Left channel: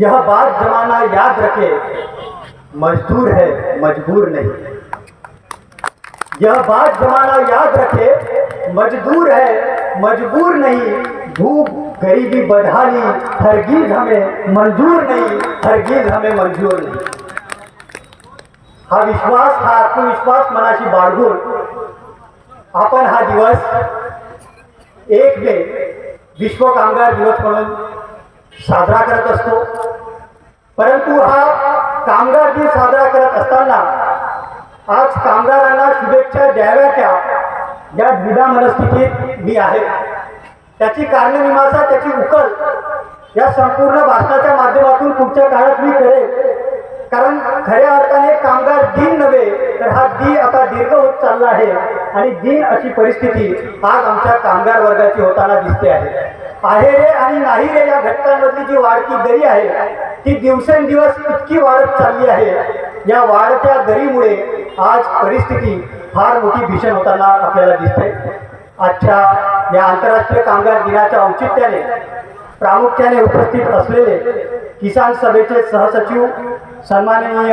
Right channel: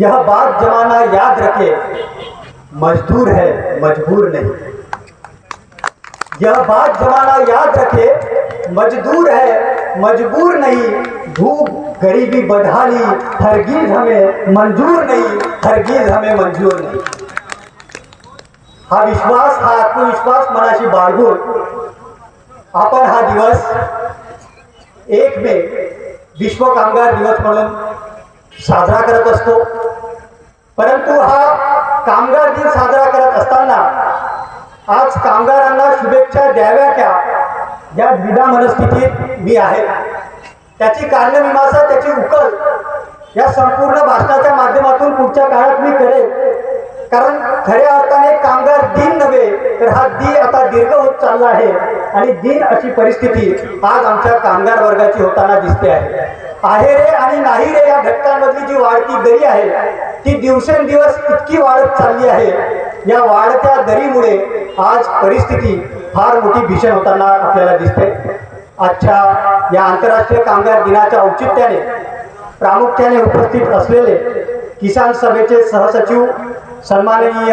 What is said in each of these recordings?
यह बात जमाना याद रखे, मजदूर है मजबूर नहीं। यह बात जमाना याद रखे, मजदूर है मजबूर नहीं। भूख गरीबी बदहाली हरगिज हमें मंजूर नहीं, हरगिज हमें मंजूर नहीं। हा विश्वास, हा आत्मविश्वास मनाशी बाळगून आपण हा दिवस 1 मे विश्व कामगार दिवस म्हणून साजरा करत असतो। परंतु हा कामगार दिन साजरा करत असताना आज कामगारांना शुभेच्छा द्याव्या क्या या द्विधा मनस्थितीत मी आहे। त्याची कारणमीमांसा, त्याची उकल या संपूर्ण भाषणाच्या माध्यमातून पुढच्या काळात मी करेन। कारण खऱ्या अर्थाने कामगार दिन नव्हे तर हा दिन आता दीर्घ होत चालला आहे आणि दिन अशी परिस्थिती आज आमच्या कामगार वर्गाची होताना दिसते आहे रे आणि नाही रे या घटकांमधली जी वाढती दरी आहे ती दिवसेंदिवस इतकी वाढत चालली आहे। या वाढत्या दरीमुळे आज परिस्थिती फार मोठी भीषण होताना आपल्याला दिसते। आजच्या या आंतरराष्ट्रीय कामगार दिनाच्या औचित्याने प्रामुख्याने उपस्थित असलेले किसान सभेचे सहसचिव सन्माननीय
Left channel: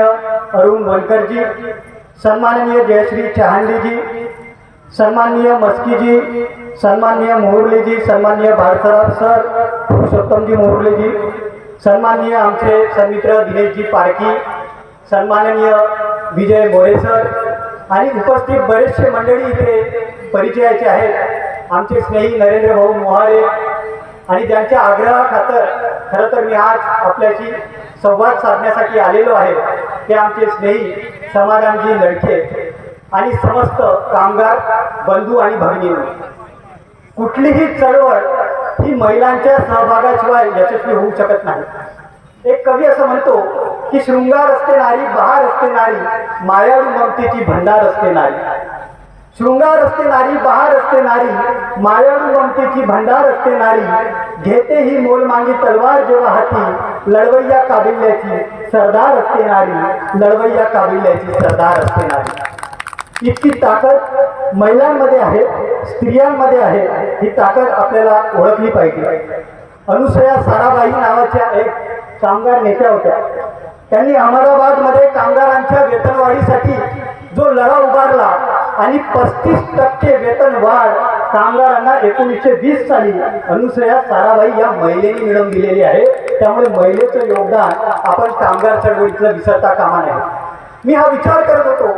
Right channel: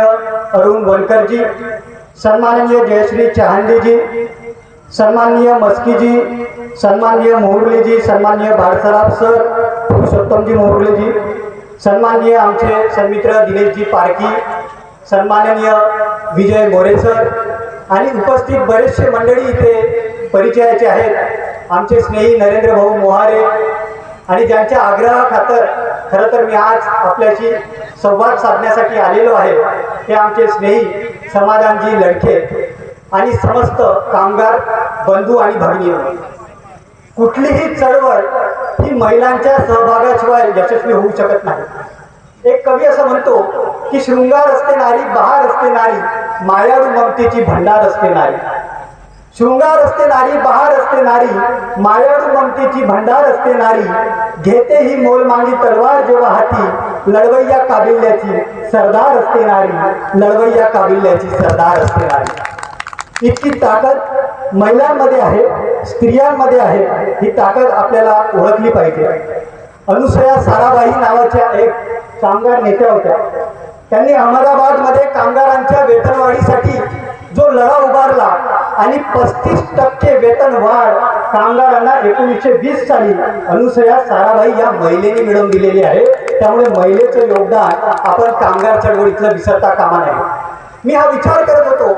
अरुण वनकरजी, सन्माननीय जयश्री चहांडीजी, सन्माननीय मस्कीजी, सन्माननीय मोहुर्लेजी, सन्माननीय भाडसराफ सर, पुरुषोत्तमजी मोहुर्लेजी, सन्माननीय आमचे सन्मित्र दिनेशजी पारकी, सन्माननीय विजय मोरे सर आणि उपस्थित बरेचसे मंडळी इथे परिचयाचे आहेत। आमचे स्नेही नरेंद्र भाऊ मोहारे आणि ज्यांच्या आग्रहाखातर खरं तर मी आज आपल्याशी संवाद साधण्यासाठी आलेलो आहे ते आमचे स्नेही समाधानजी लडके आणि समस्त कामगार बंधू आणि भगिनी। कुठलीही चळवळ ही महिलांच्या सहभागाशिवाय यशस्वी होऊ शकत नाही। एक कवी असं म्हणतो की शृंगार असते नारी, बहार असते नारी, मायाळू ममतेची भंडार असते नारी। शृंगार असते नारी, बहार असते नारी, मायाळू ममतेची भंडार असते नारी। घेते ही मोल मांगी तलवार जेव्हा हाती, लढवय्या काबिल्याची सरदार असते नारी, लढवय्या काबिल्याची सरदार असते नारी। इतकी ताकद महिलांमध्ये आहे, स्त्रियांमध्ये आहे। ही ताकद आपल्याला ओळखली पाहिजे। अनुसया साराभाई नावाच्या एक कामगार नेत्या होत्या। त्यांनी अहमदाबादमध्ये कामगारांच्या वेतनवाढीसाठी जो लढा उभारला आणि 35% वेतन वाढ कामगारांना 1920 साली अनुसया साराभाई या महिलेने मिळवून दिलेली आहे। त्यामुळे महिलेचं योगदान आपण कामगार चळवळीतलं विसरता कामा नये। मी हा विचार करत होतो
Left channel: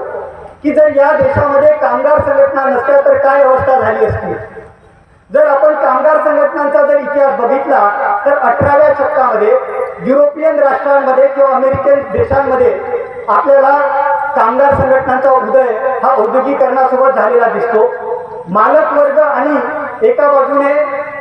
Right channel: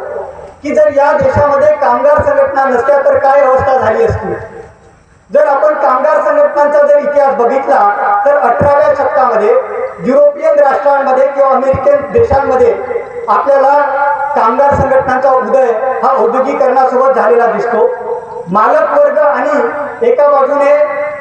की जर या देशामध्ये कामगार संघटना नसत्या तर काय अवस्था झाली असती। जर आपण कामगार संघटनांचा जर इतिहास बघितला तर 18व्या शतकामध्ये युरोपियन राष्ट्रांमध्ये किंवा अमेरिकन देशांमध्ये आपल्याला कामगार संघटनांचा उदय हा औद्योगिकरणासोबत झालेला दिसतो। मालक वर्ग आणि एका बाजूने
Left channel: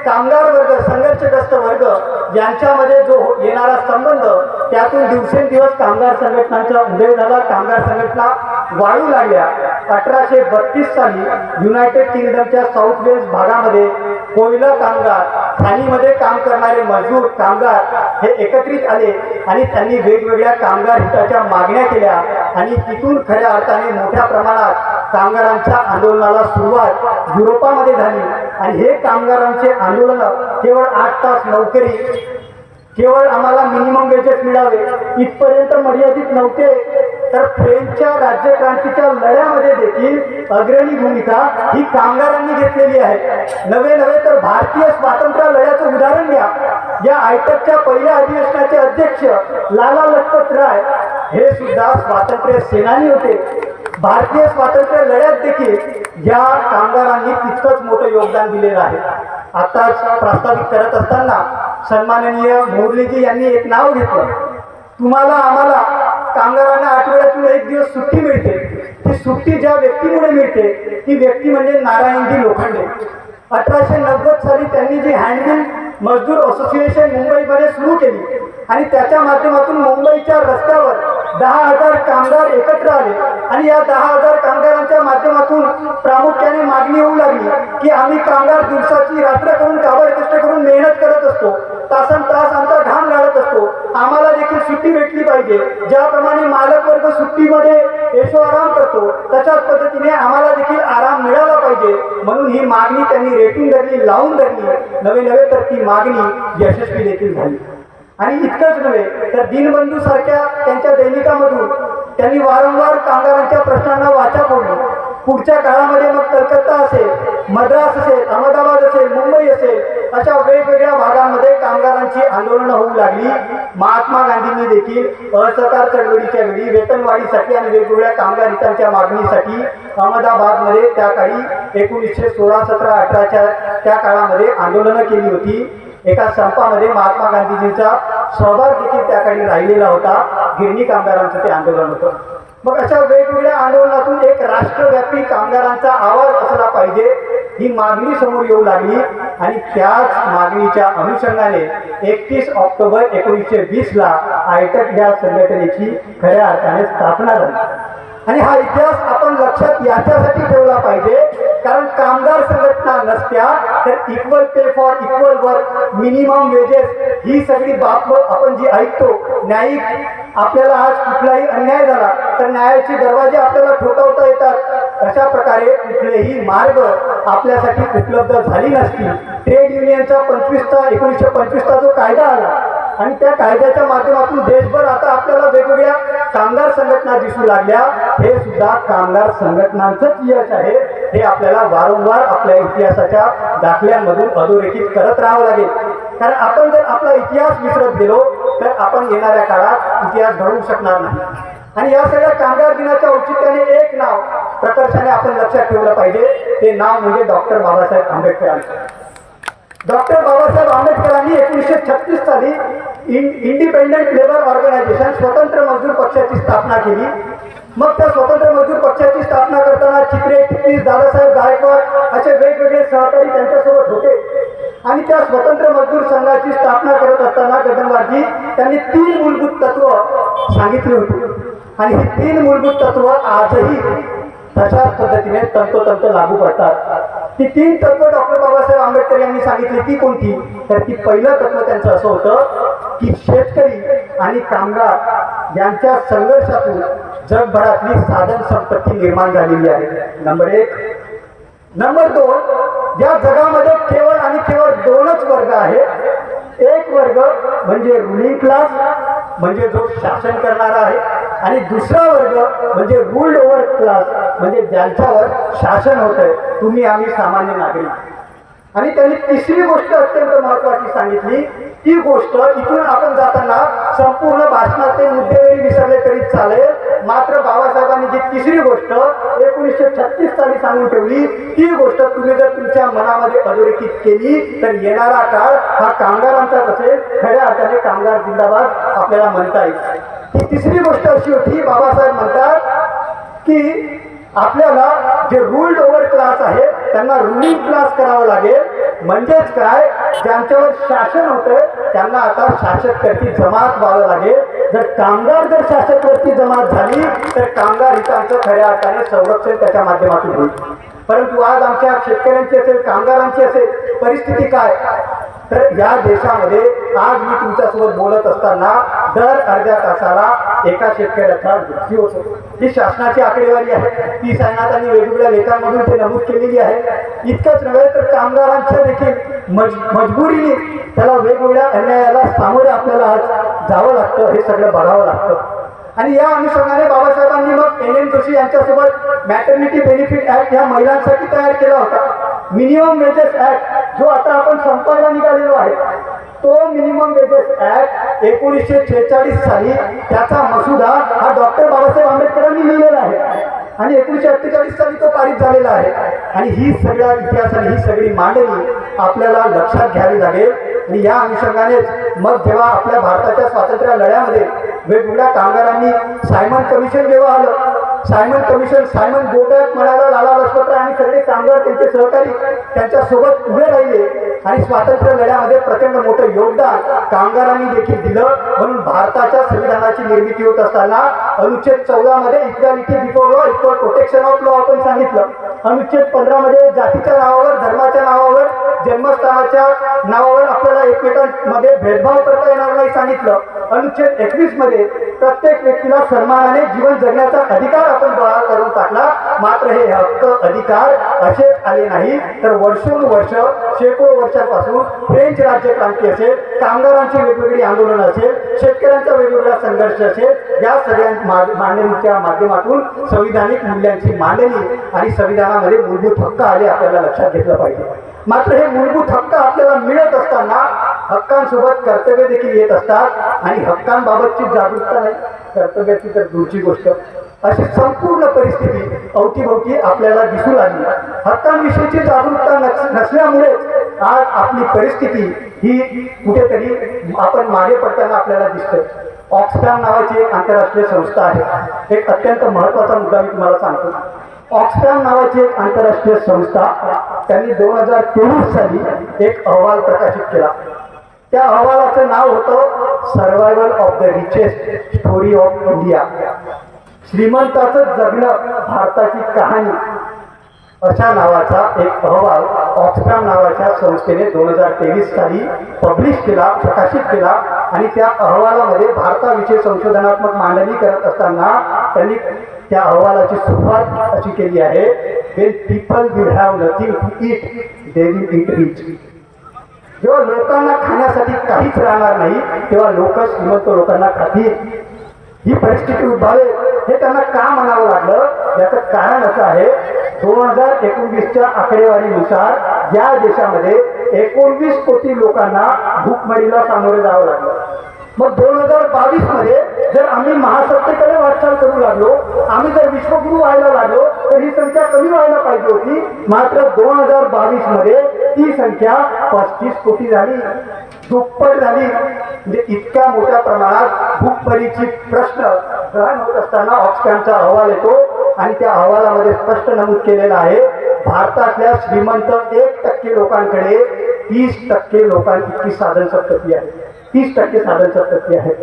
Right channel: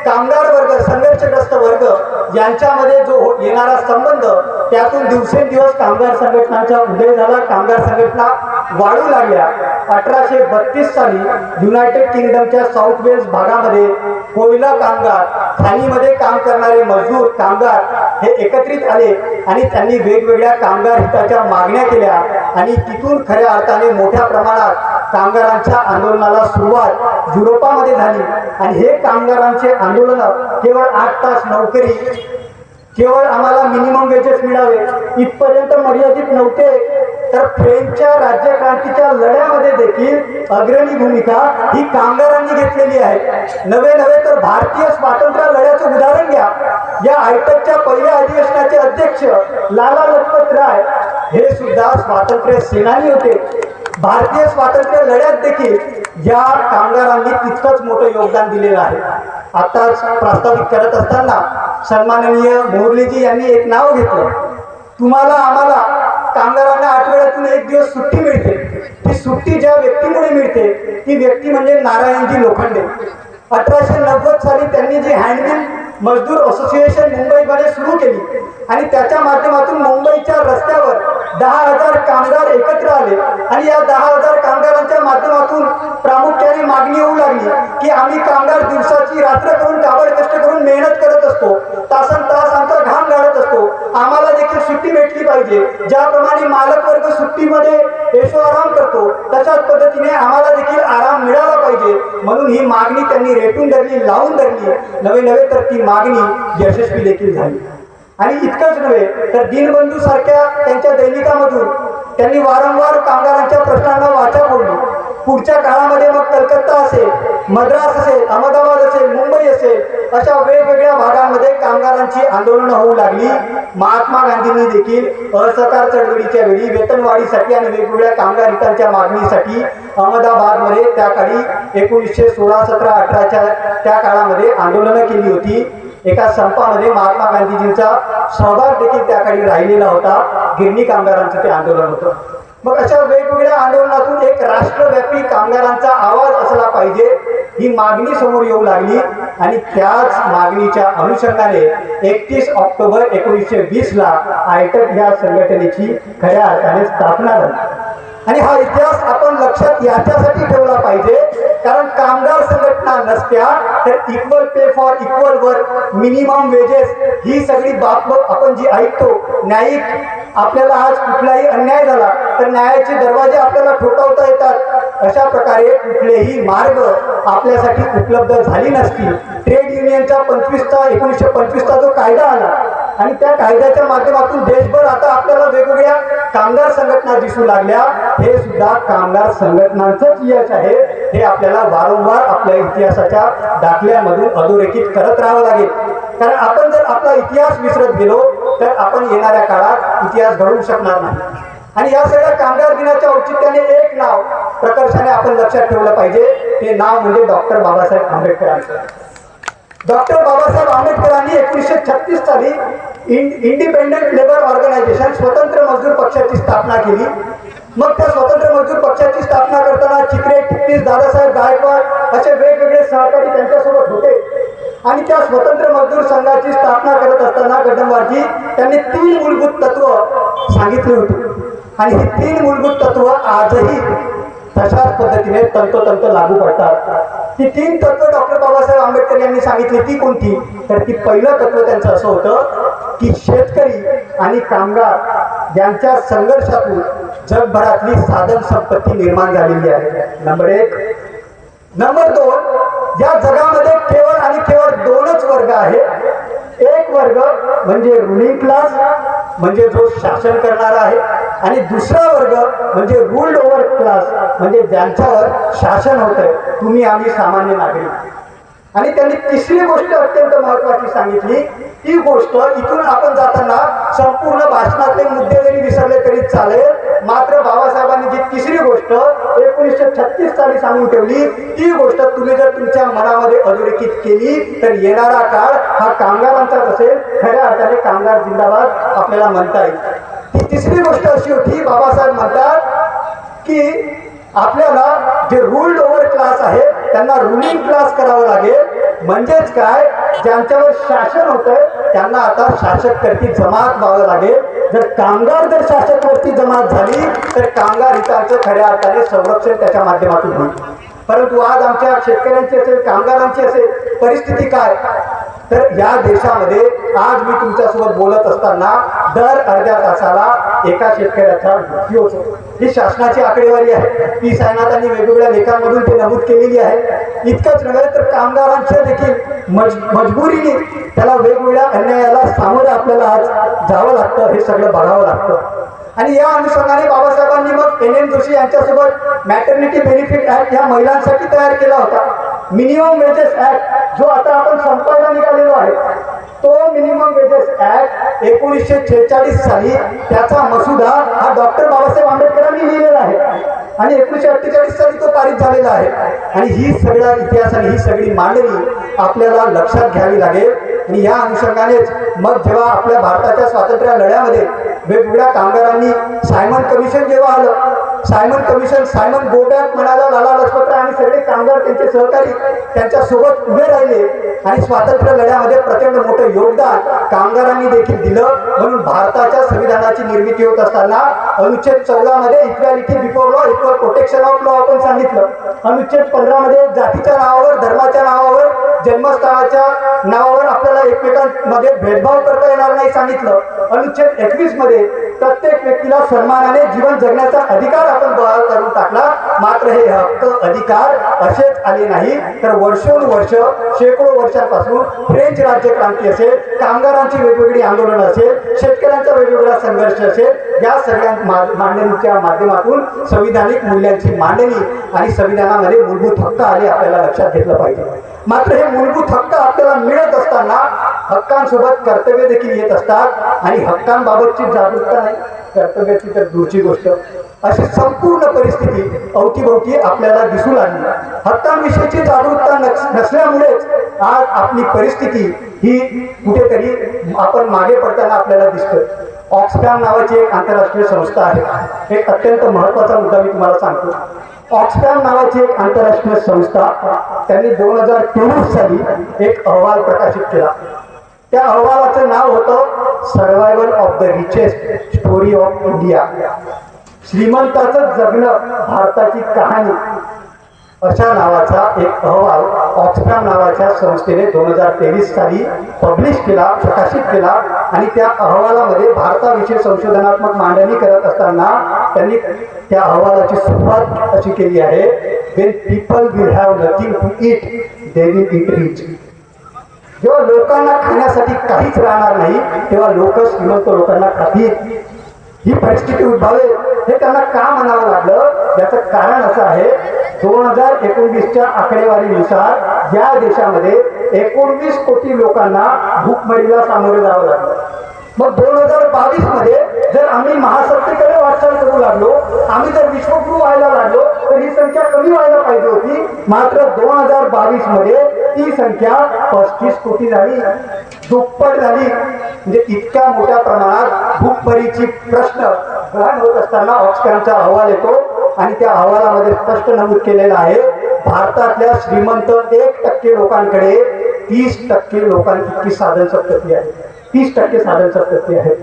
कामगार वर्ग, संघर्षग्रस्त वर्ग यांच्यामध्ये जो येणारा संबंध त्यातून दिवसेंदिवस कामगार संघटनांचा उदय झाला, कामगार संघटना वाढू लागल्या। 1832 साली युनायटेड किंगडमच्या साऊथ वेल्स भागामध्ये कोयला कामगार, खाणीमध्ये काम करणारे मजदूर कामगार हे एकत्रित आले आणि त्यांनी वेगवेगळ्या कामगार हिताच्या मागण्या केल्या आणि तिथून खऱ्या अर्थाने मोठ्या प्रमाणात कामगारांच्या आंदोलनाला सुरुवात युरोपामध्ये झाली। आणि हे कामगारांचे आंदोलन केवळ 8 तास नोकरी, केवळ आम्हाला मिनिमम वेजेस मिळावे इथपर्यंत मर्यादित नव्हते, तर फ्रेंचच्या राज्यक्रांतीच्या लढ्यामध्ये देखील अग्रणी भूमिका ही कामगारांनी घेतलेली आहे। नवे तर भारतीय स्वातंत्र्य लढ्याचं उदाहरण घ्या। या आयटकच्या पहिल्या अधिवेशनाचे अध्यक्ष लाला लजपत राय हे सुद्धा स्वातंत्र्य सेनानी होते। भारतीय स्वातंत्र्य लढ्यात देखील या कामगारांनी तितकंच मोठं योगदान दिलेलं आहे। आताच प्रस्तावित करत असताना सन्माननीय मोहुर्लेजी यांनी एक नाव घेतलं। तुम्हाला आम्हाला कामगारांना आठवड्यातून 1 दिवस सुट्टी मिळते। ती सुट्टी ज्या व्यक्तीमुळे मिळते ती व्यक्ती म्हणजे नारायणजी लोखंडे। 1890 साली त्यांनी जी हँडमिल मजदूर असोसिएशन मुंबईमध्ये सुरू केली आणि त्याच्या माध्यमातून मुंबईच्या रस्त्यावर 10,000 कामगार एकत्र आले आणि या 10,000 कामगारांच्या माध्यमातून प्रामुख्याने मागणी होऊ लागली की आम्ही कामगार दिवसाची रात्र करून काबड कष्ट करून मेहनत करत असतो, तासनतास आमचा घाम गाळत असतो, आम्हाला देखील सुट्टी भेटली पाहिजे। ज्याप्रमाणे मालक वर्ग सुट्टीमध्ये ऐशो आराम करतो तशाच पद्धतीने आम्हाला देखील आराम मिळाला पाहिजे। म्हणून ही मागणी त्यांनी रेटून धरली, लावून धरली। नवे तर ती मागणी यशस्वी देखील झाली। आणि इतकंच नव्हे तर दीनबंधू सारख्या त्यांच्या दैनिकामधून त्यांनी वारंवार कामगारांच्या प्रश्नांना वाचा फोडली. पुढच्या काळामध्ये मग कलकत्ता असेल, मद्रास असेल, अहमदाबाद असेल, मुंबई असेल, अशा वेगवेगळ्या भागांमध्ये कामगारांची आंदोलनं होऊ लागली. महात्मा गांधींनी देखील असहकार चळवळीच्या वेळी वेतनवाढीसाठी आणि वेगवेगळ्या कामगार हितांच्या मागणीसाठी अहमदाबादमध्ये त्या काळी 1916, 17, 18च्या त्या काळामध्ये आंदोलनं केली होती. एका संपामध्ये महात्मा गांधीजींचा सहभाग देखील त्या काळी राहिलेला होता. गिरणी कामगारांचं ते आंदोलन होतं. मग अशा वेगवेगळ्या आंदोलनातून एक राष्ट्रव्यापी कामगारांचा आवाज असला पाहिजे ही मागणी समोर येऊ लागली आणि त्याच मागणीच्या अनुषंगाने 31 ऑक्टोबर 1920ला आयटक या संघटनेची खऱ्या अर्थाने स्थापना झाली. आणि हा इतिहास आपण लक्षात याच्यासाठी ठेवला पाहिजे कारण कामगार संघटना नसत्या तर equal pay for equal work, minimum wages ही सगळी बाब आपण जी ऐकतो, न्यायिक आपल्याला आज कुठलाही अन्याय झाला तर न्यायाचे दरवाजे आपल्याला ठोठावता येतात. अशा प्रकारे कुठलेही मार्ग आपल्यासाठी उपलब्ध झाली नसतील. ट्रेड युनियनचा 1925चा जो कायदा आला आणि त्या कायद्याच्या माध्यमातून देशभर आता आपल्याला वेगवेगळ्या कामगार संघटना दिसू लागल्या. हे सुद्धा कामगार संघटनांचंच यश आहे. हे आपल्याला वारंवार आपल्या इतिहासाच्या दाखल्यांमधून अधोरेखित करत राहावं लागेल. कारण आपण जर आपला इतिहास विसरत गेलो तर आपण येणाऱ्या काळात इतिहास घडवू शकणार नाही. आणि या सगळ्या कामगार दिनाच्या औचित्याने एक नाव प्रकर्षाने आपण लक्षात ठेवलं पाहिजे. ते नाव म्हणजे डॉक्टर बाबासाहेब आंबेडकरांचं. डॉक्टर बाबासाहेब आंबेडकरांनी 1936 साली इंडिपेंडेंट लेबर ऑर्गनायझेशन स्वतंत्र मजदूर पक्षाची स्थापना केली. मग त्या स्वतंत्र मजदूर पक्षाची स्थापना करताना चिकरे, टिपणीस, दादासाहेब गायकवाड असे वेगवेगळे सहकारी त्यांच्यासोबत होते. आणि त्या स्वतंत्र मजदूर संघाची स्थापना करत असताना गडनवारजी त्यांनी 3 मूलभूत तत्व सांगितली होती. आणि ही 3 मूलभूत तत्व आजही तशाच पद्धतीने तंतोतंत लागू पडतात. ती 3 तत्व डॉक्टर बाबासाहेब आंबेडकर यांनी सांगितली. ती कोणती? तर ती पहिलं तत्व त्यांचं असं होतं की शेतकरी आणि कामगार यांच्या संघर्षातून जगभरातली साधन संपत्ती निर्माण झालेली आहे. नंबर 1. नंबर 2, या जगामध्ये केवळ आणि केवळ 2च वर्ग आहे. एक वर्ग म्हणजे रुलिंग क्लास, म्हणजे जो शासन करणारा आहे, आणि दुसरा वर्ग म्हणजे रूल्ड ओव्हर क्लास, म्हणजे ज्यांच्यावर शासन होतंय, तुम्ही आम्ही सामान्य नागरिक. आणि त्यांनी तिसरी गोष्ट अत्यंत महत्वाची सांगितली. ती गोष्ट इथून आपण जाताना संपूर्ण भाषणातले मुद्दे जरी विसरले तरी चालेल, मात्र बाबासाहेबांनी जी तिसरी गोष्ट 1936 साली सांगून ठेवली, ती गोष्ट तुम्ही जर तुमच्या मनामध्ये अधोरेखित केली तर येणारा काळ हा कामगारांचाच असेल. खऱ्या अर्थाने कामगार जिंदाबाद आपल्याला म्हणता येईल. ती तिसरी गोष्ट अशी होती, बाबासाहेब म्हणतात की आपल्याला जे रूल्ड ओव्हर क्लास आहे त्यांना रुलिंग क्लास करावं लागेल. म्हणजेच काय, ज्यांच्यावर शासन होतंय त्यांना आता शासकवरती जमात व्हावं लागेल. जर कामगार जर शासकवरती जमात झाली तर कामगार हितांचं खऱ्या अर्थाने संरक्षण त्याच्या माध्यमातून होईल. परंतु आज आमच्या शेतकऱ्यांची असेल, कामगारांची असेल परिस्थिती काय, तर या देशामध्ये आज मी तुमच्यासोबत बोलत असताना दर अर्ध्या तासाला एका शेतकऱ्याचा मृत्यू होतो. ही शासनाची आकडेवारी आहे. ती सायनाथांनी वेगवेगळ्या लेखांमधून ते नमूद केलेली आहे. इतकंच नव्हे तर कामगारांच्या देखील मजबुरीने त्याला वेगवेगळ्या अन्यायाला सामोरं आपल्याला आज जावं लागतं. हे सगळं बघावं लागतं. आणि या अनुषंगाने बाबासाहेबांनी मग NN जोशी यांच्यासोबत मॅटर्निटी बेनिफिट ऍक्ट या महिलांसाठी तयार केला होता. मिनिमम वेजेस ऍक्ट जो आता आपण संपायला निघालेलो आहे, तो मिनिमम वेजेस ऍक्ट 1946 साली त्याचा मसुदा हा डॉक्टर बाबासाहेब आंबेडकरांनी लिहिलेला आहे आणि 1948 साली तो पारित झालेला आहे. आणि ही सगळ्या इतिहासाने ही सगळी मांडणी आपल्याला लक्षात घ्यावी लागेल. आणि या अनुषंगानेच मग जेव्हा आपल्या भारताच्या स्वातंत्र्य लढ्यामध्ये वेगवेगळ्या कामगारांनी सायमन कमिशन जेव्हा आलं, सायमन कमिशन, सायमन गोबॅक म्हणाला, लाला लजपतराय आणि सगळे कामगार त्यांचे सहकारी त्यांच्या सोबत उभे राहिले आणि स्वातंत्र्य लढ्यामध्ये प्रचंड मोठं योगदान कामगारांनी देखील दिलं. म्हणून भारताच्या संविधानाची निर्मिती होत असताना अनुच्छेद 14 मध्ये equality before law, equal protection of law आपण सांगितलं. अनुच्छेद 15 मध्ये जातीच्या नावावर, धर्माच्या नावावर, जन्मस्थानाच्या नावावर आपल्याला एकमेकांमध्ये भेदभाव करता येणार नाही सांगितलं. अनुच्छेद 21 मध्ये प्रत्येक व्यक्तीला सन्मानाने जीवन जगण्याचा अधिकार आपण बहाल करून टाकला. मात्र हे हक्क अधिकार असेच आले नाही, तर वर्षोनुवर्ष शेकडो वर्षांपासून फ्रेंच राज्यक्रांती असेल, कामगारांची वेगवेगळी आंदोलनं असेल, शेतकऱ्यांचा वेगवेगळा संघर्ष असेल, या सगळ्या मांडणीच्या माध्यमातून संविधानिक मूल्यांची मांडणी आणि संविधानामध्ये मूलभूत हक्क आले आपल्याला लक्षात घेतलं पाहिजे. मात्र हे मूलभूत हक्क आपल्याला मिळत असताना हक्कांसोबत कर्तव्य देखील येत असतात आणि हक्कांबाबतची जागरूकता नाही, कर्तव्याची तर दूरची गोष्ट. अशी संपूर्ण परिस्थिती अवतीभोवती आपल्याला दिसू लागली. हक्कांविषयीची जागरूकता नसल्यामुळेच आज आपली परिस्थिती ही कुठेतरी आपण मागे पडताना आपल्याला दिसतं. ऑक्सफॅम नावाची एक आंतरराष्ट्रीय संस्था आहे. एक अत्यंत महत्वाचा मुद्दा मी तुम्हाला सांगतो. ऑक्सफॅम नावाची एक आंतरराष्ट्रीय संस्था, त्यांनी 2023 साली एक अहवाल प्रकाशित केला. त्या अहवालाचं नाव होतं survival of the richest story of India. श्रीमंताचं जगणं, भारताची कहाणी, अशा नावाचा एक अहवाल ऑक्सफॅम नावाच्या संस्थेने 2023 साली पब्लिश केला, प्रकाशित केला. आणि त्या अहवालामध्ये भारताविषयी संशोधनात्मक मांडणी करत असताना त्यांनी त्या अहवालाची सुरुवात अशी केली आहे, when people will have nothing to eat, they will eat rich. जेव्हा लोकांना खाण्यासाठी काहीच राहणार नाही, तेव्हा लोक श्रीमंत लोकांना खातील. ही परिस्थिती उद्भवेल हे त्यांना का म्हणावं लागलं? याचं कारण असं आहे, 2019च्या आकडेवारीनुसार या देशामध्ये 19 कोटी लोकांना भूकमरीला सामोरे जावं लागलं. मग 2022 मध्ये जर आम्ही महासत्तेकडे वाटचाल करू लागलो, आम्ही जर विश्वगुरु व्हायला लागलो, तर ही संख्या कमी व्हायला पाहिजे होती. मात्र 2022 मध्ये ती संख्या 35 कोटी झाली, दुप्पट झाली. म्हणजे इतक्या मोठ्या प्रमाणात भूकमरीची प्रश्न गहन होत असताना ऑक्सफॅमचा अहवाल येतो आणि त्या अहवालामध्ये स्पष्ट नमूद केलेलं आहे, भारतातल्या श्रीमंत 1% लोकांकडे 30% लोकांची साधन संपत्ती आहे. 30% साधन संपत्ती आहे.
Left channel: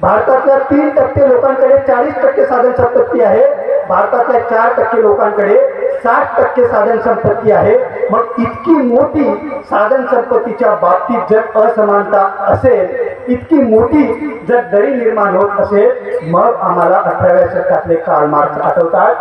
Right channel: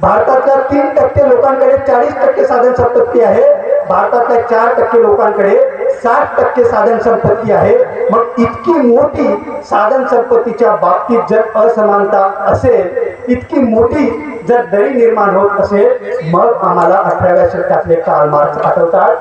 भारतातल्या 3% लोकांकडे 40% साधन संपत्ती आहे. भारतातल्या 4% लोकांकडे 60% साधन संपत्ती आहे. मग इतकी मोठी साधन संपत्तीच्या बाबतीत जर असमानता असेल, इतकी मोठी जर दरी निर्माण होत असेल, मग आम्हाला 18व्या शतकातले कार्ल मार्क्स आठवतात.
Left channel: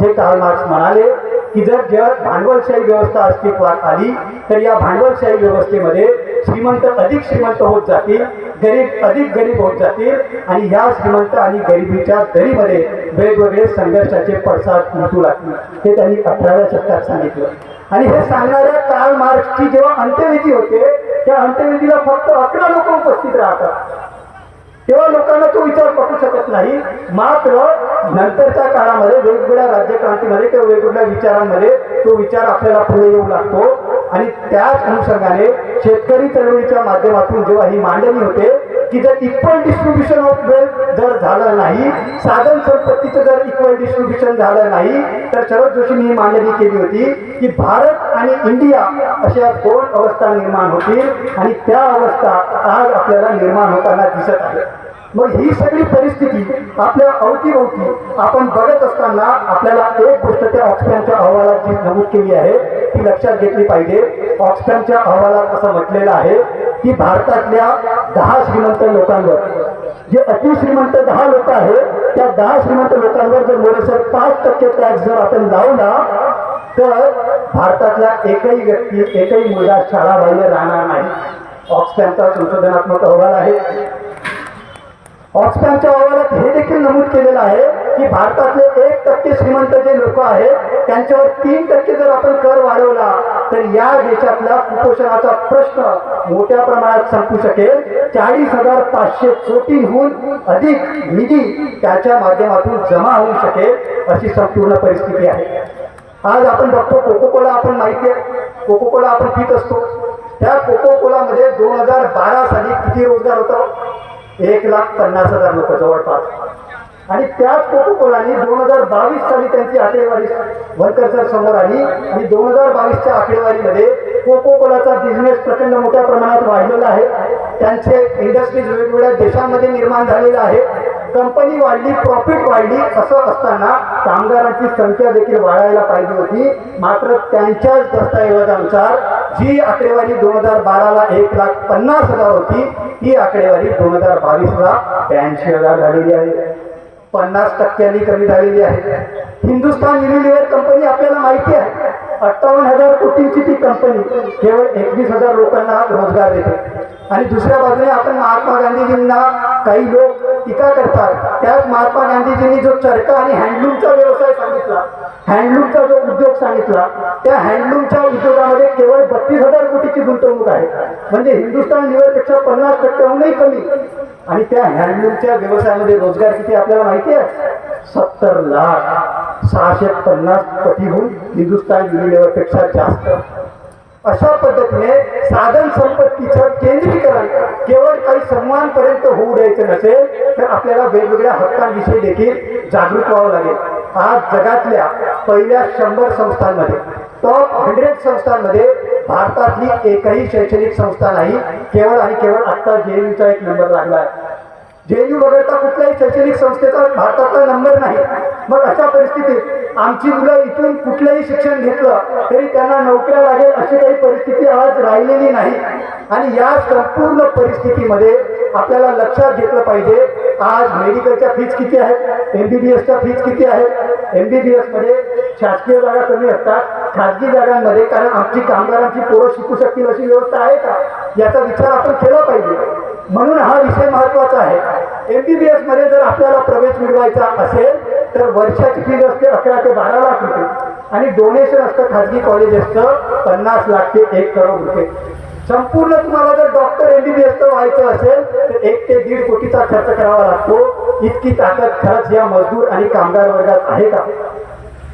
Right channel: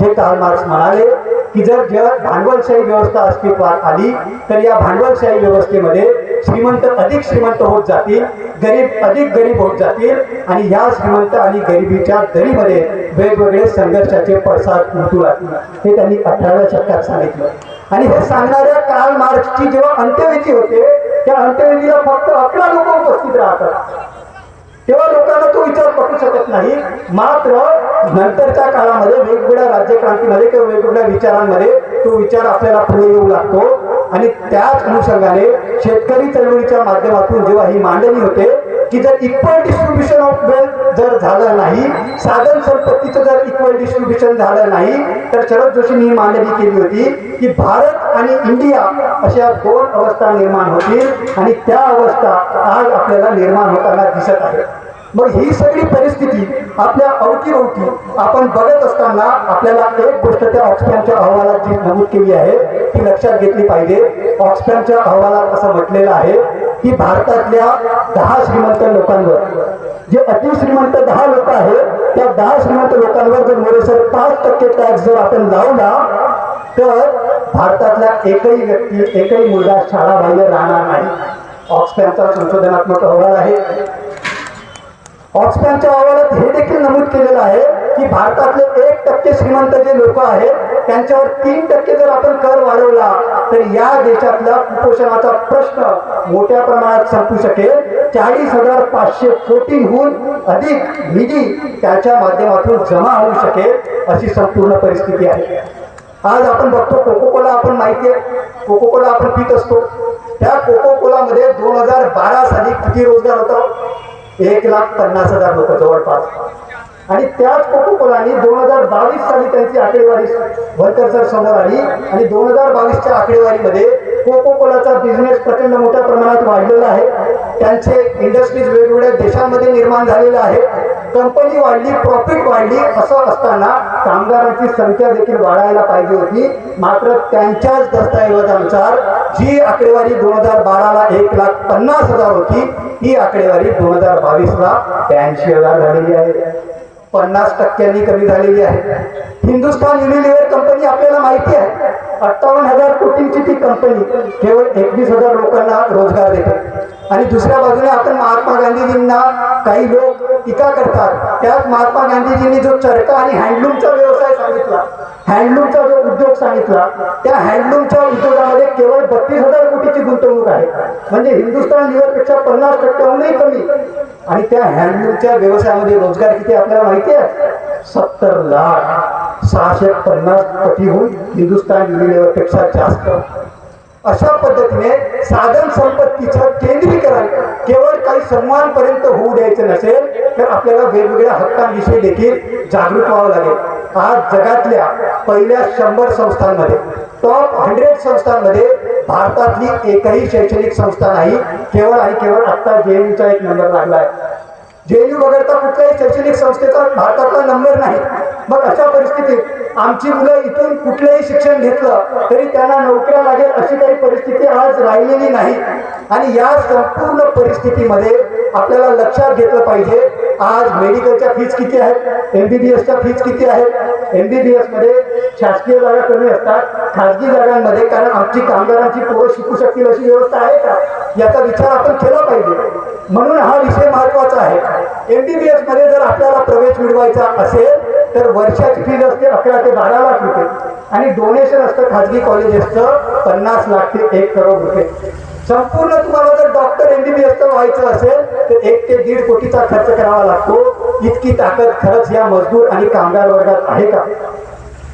जे कार्ल मार्क्स म्हणाले की जर जगात भांडवलशाही व्यवस्था अस्तित्वात आली, तर या भांडवलशाही व्यवस्थेमध्ये श्रीमंत अधिक श्रीमंत होत जातील, गरीब अधिक गरीब होत जातील आणि या श्रीमंत आणि गरिबीच्या दरीमध्ये वेगवेगळे संघर्षाचे पडसाद उमटू लागतील. हे त्यांनी 18व्या शतकात सांगितलं. आणि हे सांगणाऱ्या कार्ल मार्क्सची जेव्हा अंत्यविधी होते, त्या अंत्यविधीला फक्त 11 लोक उपस्थित राहतात. तेव्हा लोकांना तो विचार पटू शकत नाही. मात्र नंतरच्या काळामध्ये वेगवेगळ्या राज्यक्रांतीमध्ये किंवा वेगवेगळ्या विचारांमध्ये तो विचार आपल्याला पुढे येऊ लागतो. आणि त्याच अनुषंगाने शेतकरी चळवळीच्या माध्यमातून जेव्हा ही मांडणी होते की जर इक्वल डिस्ट्रीब्युशन ऑफ वेल्थ जर झालं नाही, साधन संपत्तीचं जर इक्वल डिस्ट्रीब्युशन झालं नाही, तर शरद जोशींनी ही मांडणी केली होती की भारत आणि इंडिया अशा 2 अवस्था निर्माण होतील आणि त्या अवस्था आज आपल्याला निर्माण होताना दिसत आहे. मग ही सगळी परिस्थिती आपल्या अवतीभोवती आपण बघत असताना आपल्याला एक गोष्ट त्या ऑक्सफॅमच्या अहवालात जी नमूद केली आहे ती लक्षात घेतली पाहिजे. ऑक्सफॅमच्या अहवालात असं म्हटलेलं आहे की भारतातल्या 10 श्रीमंत लोकांवर, जे अतिश्रीमंत 10 लोक आहेत, त्या 10 श्रीमंत लोकांवर जर मोरेसर 5% टॅक्स जर आपण लावला, तर भारतातला एकही व्यक्ती, एकही मुलगा शाळाबाह्य राहणार नाही. ऑक्सफॅमचा संशोधनात्मक अहवाल आहे. ऑक्सफॅमच्या अहवालात हे देखील नमूद केलेलं आहे की भारतातले 1% श्रीमंत जे लोक आहेत त्यांच्यावर 3% जर आपण कर वाढवला, तर या देशातल्या कुपोषणाचा प्रश्न मोठ्या प्रमाणात संपू शकेल. 40,500 कोटींहून अधिक निधी त्याच्या माध्यमातून जमा होऊ शकेल, अशी संपूर्ण परिस्थिती आहे. आज आपण बघतो कोकोकोला, आपण माहिती आहे कोकोकोला आपण पित असतो. त्या कोकोकोलामध्ये 2012 साली किती रोजगार होतं? 1,50,000 लोक जवळपास. आणि त्याच कोकोकोलाने 2022 साली त्यांची आकडेवारी वर्कर समोर आली आणि 2022च्या आकडेवारीमध्ये कोकोकोलाचा बिझनेस प्रचंड मोठ्या प्रमाणात वाढलेला आहे. त्यांचे इंडस्ट्रीज वेगवेगळ्या देशांमध्ये निर्माण झालेले आहे. कंपनी वाढली, प्रॉफिट वाढली, असं असताना कामगारांची संख्या देखील वाढायला पाहिजे होती. मात्र त्यांच्याच दस्तऐवजानुसार जी आकडेवारी 2012ला 1,50,000 होती, ती आकडेवारी 2022ला 82,000 झालेली आहे. 50% कमी झालेली आहे. हिंदुस्थान युनिलिव्हर कंपनी आपल्याला माहिती आहे, 58,000 कोटींची ती कंपनी केवळ 21,000 लोकांना रोजगार देते. आणि दुसऱ्या बाजूने आपण महात्मा गांधीजींना काही लोक टीका करतात. त्याच महात्मा गांधीजींनी जो चरखा आणि हँडलूमचा व्यवसाय सांगितला, हँडलूमचा जो उद्योग सांगितला, त्या हँडलूमच्या उद्योगामध्ये केवळ 32,000 कोटीची गुंतवणूक आहे. म्हणजे हिंदुस्थान लिव्हरपेक्षा 50%हूनही कमी. आणि त्या हँडलूमच्या व्यवसायामध्ये रोजगार किती आपल्याला माहिती आहे? 70,650 कोटीहून हिंदुस्थान युनिलिव्हरपेक्षा जास्त. अशा पद्धतीने साधन संपत्तीचं केंद्रीकरण केवळ काही समूहांपर्यंत होऊ द्यायचं नसेल तर आपल्याला वेगवेगळ्या हक्कांविषयी देखील जागरूक व्हावं लागेल. आज जगातल्या पहिल्या 100 संस्थांमध्ये, टॉप 100 संस्थांमध्ये भारतातली एकही शैक्षणिक संस्था नाही. केवळ आणि केवळ आता JNUचा एक नंबर लागला आहे. JNU वगळता कुठल्याही शैक्षणिक संस्थेचा भारतातला नंबर नाही. मग अशा परिस्थितीत आमची मुलं इथून कुठलंही शिक्षण घेतलं तरी त्यांना नोकऱ्या लागेल अशी काही परिस्थिती आज राहिलेली नाही. आणि या संपूर्ण परिस्थितीमध्ये आपल्याला लक्षात घेतलं पाहिजे, आज मेडिकलच्या फीज किती आहेत, MBBSच्या फीज किती आहेत. MBBS मध्ये शासकीय जागा कमी असतात, खाजगी जागांमध्ये, कारण आमची कामगारांची पोरं शिकू शकतील अशी व्यवस्था आहे का, याचा विचार आपण केला पाहिजे. म्हणून हा विषय महत्वाचा आहे. MBBS मध्ये जर आपल्याला प्रवेश मिळवायचा असेल तर वर्षाची फीज असते 11 ते 12 लाख रुपये आणि डोनेशन असतं खाजगी कॉलेजेसचं 50 लाख ते 1 करोड रुपये. संपूर्ण तुम्हाला जर डॉक्टर MBBS व्हायचं असेल तर 1 ते 1.5 कोटीचा खर्च करावा लागतो. इतकी ताकद खरंच या मजदूर आणि कामगार वर्गात आहे का?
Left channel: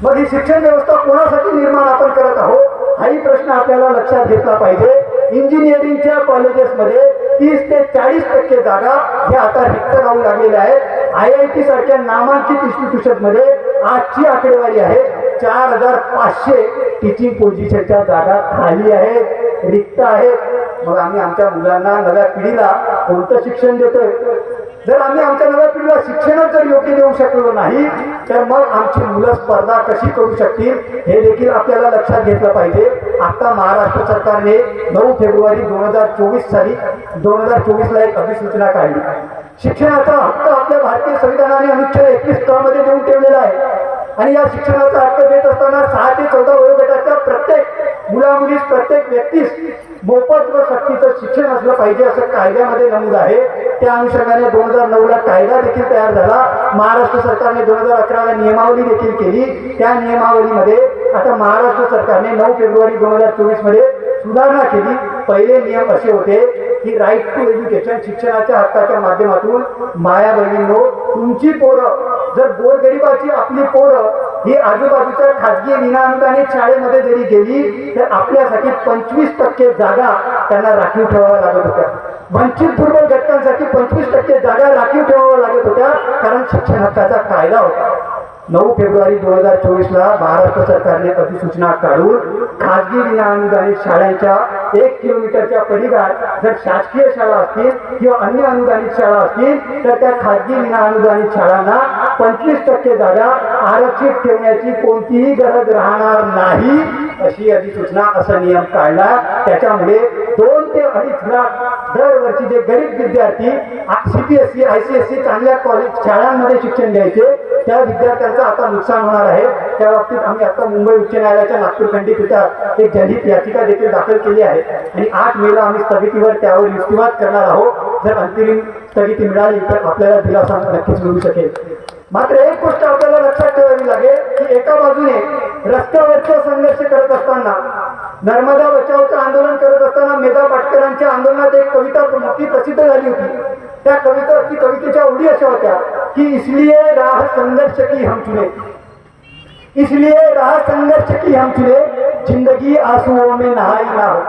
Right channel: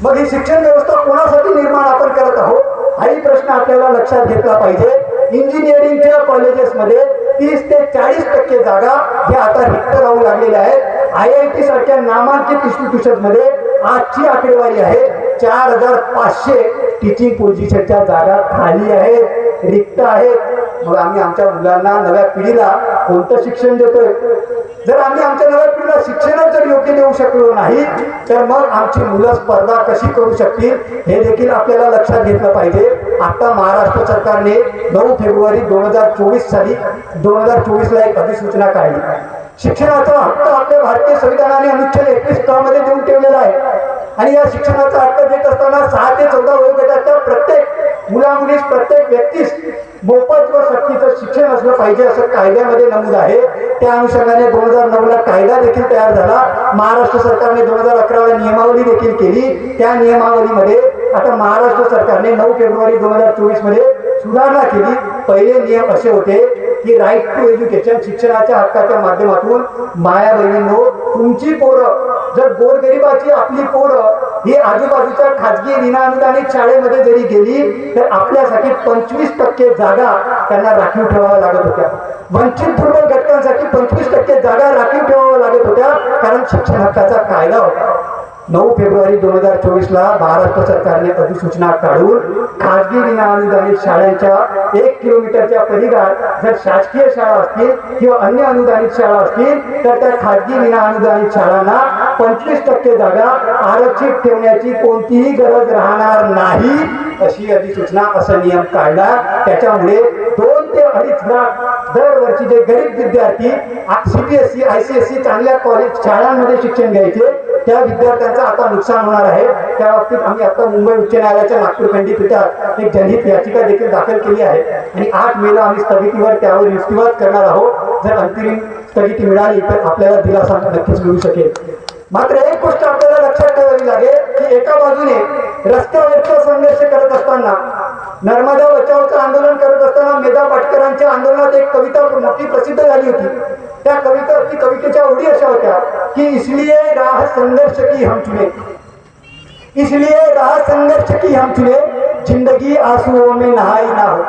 मग ही शिक्षण व्यवस्था कोणासाठी निर्माण आपण करत आहोत, हाही प्रश्न आपल्याला लक्षात घेतला पाहिजे. इंजिनिअरिंगच्या कॉलेजेसमध्ये 30 ते 40% जागा ह्या आता रिक्त राहू लागलेल्या आहेत. IIT सारख्या नामांकित इन्स्टिट्यूशन मध्ये आजची आकडेवारी आहे 4,500 टीचिंग पोझिशनच्या जागा खाली आहेत, रिक्त आहेत. मग आम्ही आमच्या मुलांना, नव्या पिढीला कोणतं शिक्षण देतोय? जर आम्ही आमच्या नव्या पिढीला शिक्षणच जर योग्य देऊ शकलो नाही तर मग आमची मुलं स्पर्धा कशी करू शकतील हे देखील आपल्याला लक्षात घेतलं पाहिजे. आता महाराष्ट्र सरकारने 9 फेब्रुवारी 2024 साली 2024ला एक अधिसूचना काढली. शिक्षणाचा हक्क आपल्या भारतीय संविधानाने अनुच्छेद 21 क मध्ये देऊन ठेवलेला आहे. आणि या शिक्षणाचा हक्क देत असताना 6 ते 14 वयोगटाच्या प्रत्येक मुलामुलीस, प्रत्येक व्यक्तीस मोफत व सक्तीचं शिक्षण असलं पाहिजे असं कायद्यामध्ये नमूद आहे. त्या अनुषंगाने 2009ला कायदा देखील तयार झाला. महाराष्ट्र सरकारने 2011ला नियमावली देखील केली. त्या नियमावलीमध्ये आता महाराष्ट्र सरकारने 9 फेब्रुवारी 2024 मध्ये सुधारणा केली. पहिले नियम असे होते की राईट टू एज्युकेशन, शिक्षणाच्या हक्काच्या माध्यमातून माया बहिणींनो, तुमची पोरं जर गोरगरिबाची आपली पोरं ही आजूबाजूच्या खाजगी विनाअनुदानित शाळेमध्ये जरी गेली तर आपल्यासाठी 25% जागा त्यांना राखीव ठेवाव्या लागत होत्या. वंचित दुर्बल घटकांसाठी 25% जागा राखीव ठेवाव्या लागत होत्या, कारण शिक्षण हक्काचा कायदा होता. 9 फेब्रुवारी 2024ला महाराष्ट्र सरकारने अधिसूचना काढून खाजगी विनाअनुदानित शाळांच्या 1 किलोमीटरच्या परिघात जर शासकीय शाळा असतील किंवा अन्य अनुदानित शाळा असतील तर त्या खाजगी विनाअनुदानित शाळांना 25% जागा आरक्षित ठेवण्याची कोणतीही गरज राहणार नाही अशी अधिसूचना, असा नियम काढला. त्याच्यामुळे 2 ते 2.5 लाख दरवर्षी जे गरीब विद्यार्थी CBSE, ICSE चांगल्या कॉलेज शाळांमध्ये शिक्षण घ्यायचे त्या विद्यार्थ्यांचं आता नुकसान होणार आहे. त्या बाबतीत आम्ही आता मुंबई उच्च न्यायालयाच्या नागपूर खंडपीठात एक जनहित याचिका देखील दाखल केली आहे आणि 8 मेला आम्ही स्थगितीवर त्यावर युक्तिवाद करणार आहोत. जर अंतिम स्थगिती मिळाली तर आपल्याला दिलासा नक्कीच मिळू शकेल. मात्र एक गोष्ट आपल्याला लक्षात ठेवावी लागेल की एका बाजूने रस्त्यावरचा संघर्ष करत असताना, नर्मदा बचावचं आंदोलन करत असताना मेधा पाटकरांच्या आंदोलनात एक कविता मोठी प्रसिद्ध झाली होती. त्या कवितेच्या ओळी अशा होत्या की इसलिए राह संघर्ष की हम चुने, इसलिए राह संघर्ष की हम चुने, जिंदगी आंसुओं में नहाई ना हो.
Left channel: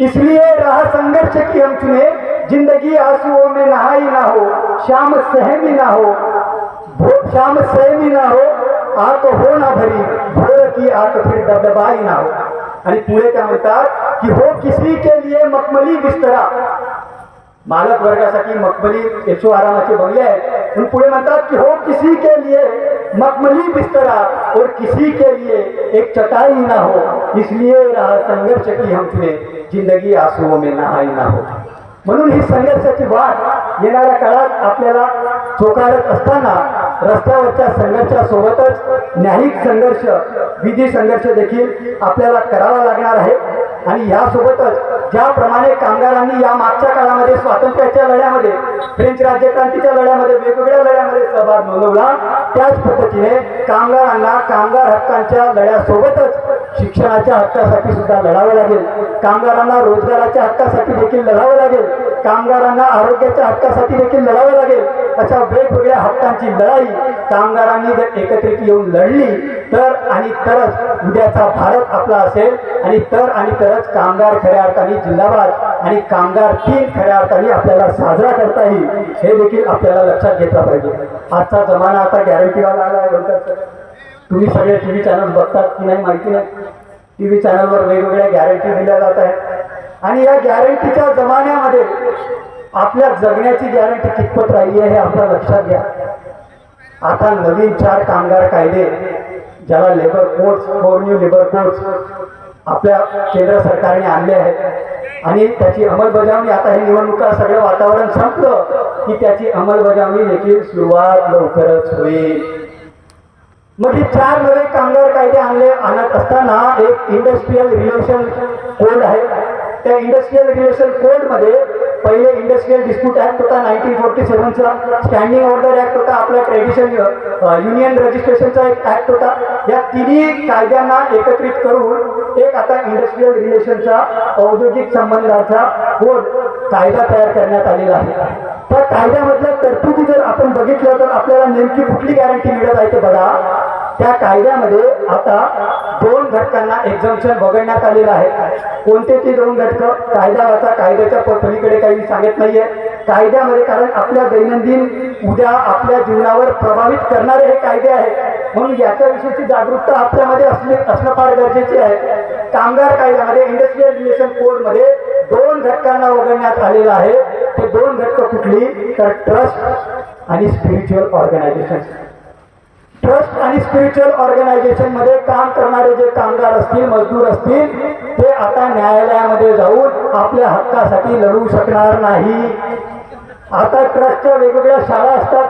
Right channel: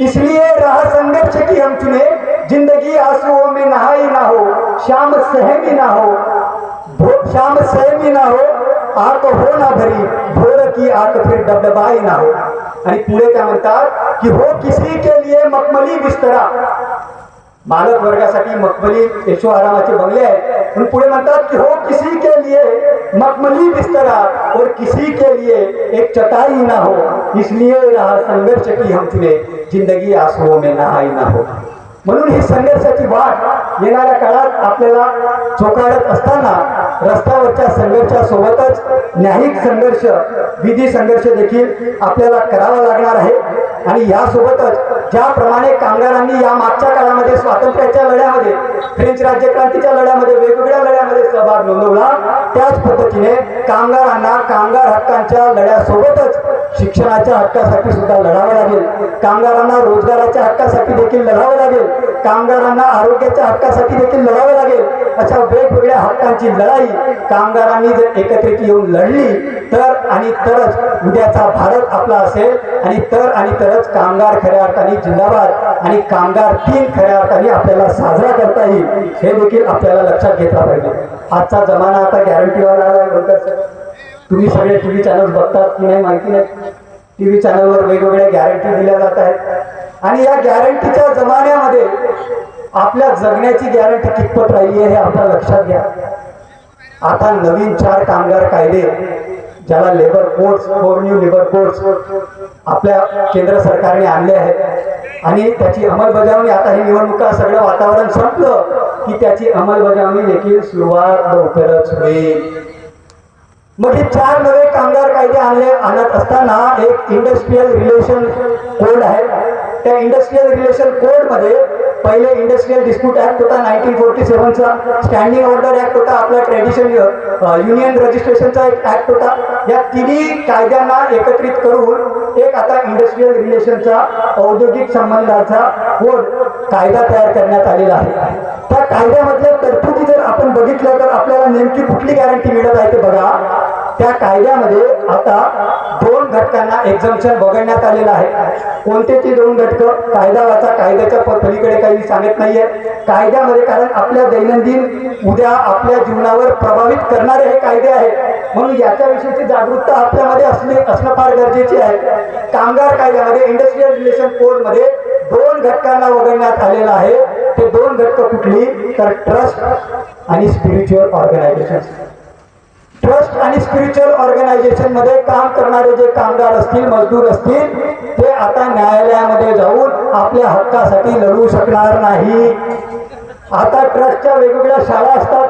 इसलिए राह संघर्ष की हम चुने, जिंदगी आंसुओं में नहाई ना हो. शाम सहमी ना हो, शाम सहमी ना हो, आंख हो ना भरी, भोर की आंख फिर दबदबाई ना हो. आणि पुढे काय म्हणतात की हो किसी के लिए मखमली बिस्तरा, मालक वर्गासाठी मखमली ऐशो आरामाचे बंगले आहेत, पण पुढे म्हणतात की हो किसी के लिए मखमली बिस्तरा और किसी के लिए एक चटाई ना हो, इसलिए रहा संघर्ष की हम चुने, जिंदगी आंसुओं में नहाई ना हो. म्हणून ही संघर्षाची वाट येणाऱ्या काळात आपल्याला चोखाळत असताना रस्त्यावरच्या संघर्षासोबतच न्यायिक संघर्ष, विधी संघर्ष देखील आपल्याला करावा लागणार आहे. आणि यासोबतच ज्याप्रमाणे कामगारांनी या मागच्या काळामध्ये स्वातंत्र्याच्या लढ्यामध्ये, फ्रेंच राज्यक्रांतीच्या लढ्यामध्ये, वेगवेगळ्या लढ्यामध्ये सहभाग नोंदवला, त्याच पद्धतीने कामगारांना कामगार हक्कांच्या लढ्यासोबतच शिक्षणाच्या हक्कासाठी सुद्धा लढावं लागेल, कामगारांना रोजगाराच्या हक्कासाठी देखील लढावं लागेल, कामगारांना आरोग्याच्या हक्कासाठी देखील लढावं लागेल. अशा वेगवेगळ्या हक्कांची लढाई कामगारांनी जर एकत्रित येऊन लढली तर आणि तरच उद्याचा भारत आपला असेल, आणि तरच कामगार खऱ्या अर्थाने जिंदाबाद आणि कामगार दिन खऱ्या अर्थाने आपल्याला साजरा करता येईल, हे देखील आपल्याला लक्षात घेतलं पाहिजे. आजचा जमाना आता गॅरंटीवाला आला आहे. बोलतात सर, तुम्ही सगळे टीव्ही चॅनल बघतात की नाही माहिती नाही, टीव्ही चॅनलवर वेगवेगळ्या गॅरंटी दिल्या जात आहेत, आणि या गॅरंटीच्या जमान्यामध्ये आपल्या जगण्याची गॅरंटी कितपत राहिली आहे हे आपल्या लक्षात घ्या. आता नवीन 4 कामगार कायदे, ज्याला labour codes, 4 new labour codes आपल्या केंद्र सरकारने आणले आहेत, आणि त्याची अंमलबजावणी आता ही निवडणुका सगळं वातावरण संपलं की त्याची अंमलबजावणी देखील सुरुवात लवकरच होईल. मग हे 4 नवे कामगार कायदे आणत असताना एक इंडस्ट्रियल रिलेशन कोड आहे. त्या इंडस्ट्रियल रिलेशन कोड मध्ये पहिले इंडस्ट्रियल डिस्प्यूट ऍक्ट होता 1947चा, स्टँडिंग ऑर्डर ऍक्ट होता, आपला ट्रेडिशन युनियन रजिस्ट्रेशनचा एक ऍक्ट होता. या तिन्ही कायद्यांना एकत्रित करून एक आता इंडस्ट्रियल रिलेशनचा, औद्योगिक संबंधाचा कोड कायदा तयार करण्यात आलेला आहे. त्या कायद्यामधल्या तरतुदी जर आपण बघितल्या तर आपल्याला नेमकी कुठली गॅरंटी मिळत आहे ते बघा. त्या कायद्यामध्ये आता 2 घटकांना एक्झम्पशन वगळण्यात आलेलं आहे. कोणते ते 2 घटक? कायदा वाचा, कायद्याच्या पलीकडे काही सांगत नाहीये कायद्यामध्ये, कारण आपल्या दैनंदिन उद्या आपल्या जीवनावर प्रभावित करणारे हे कायदे आहेत, म्हणून याच्याविषयीची जागरूकता आपल्यामध्ये असणं फार गरजेची आहे. कामगार कायद्यामध्ये, इंडस्ट्रियल रिलेशन कोड मध्ये 2 घटकांना वगळण्यात आलेलं आहे. ते 2 घटक कुठली? तर ट्रस्ट आणि स्पिरिच्युअल ऑर्गनायझेशन. ट्रस्ट आणि स्पिरिच्युअल ऑर्गनायझेशन मध्ये काम करणारे जे कामगार असतील, मजदूर असतील, ते आता न्यायालयामध्ये जाऊन आपल्या हक्कासाठी लढू शकणार नाही. आता ट्रस्टच्या वेगवेगळ्या शाळा असतात,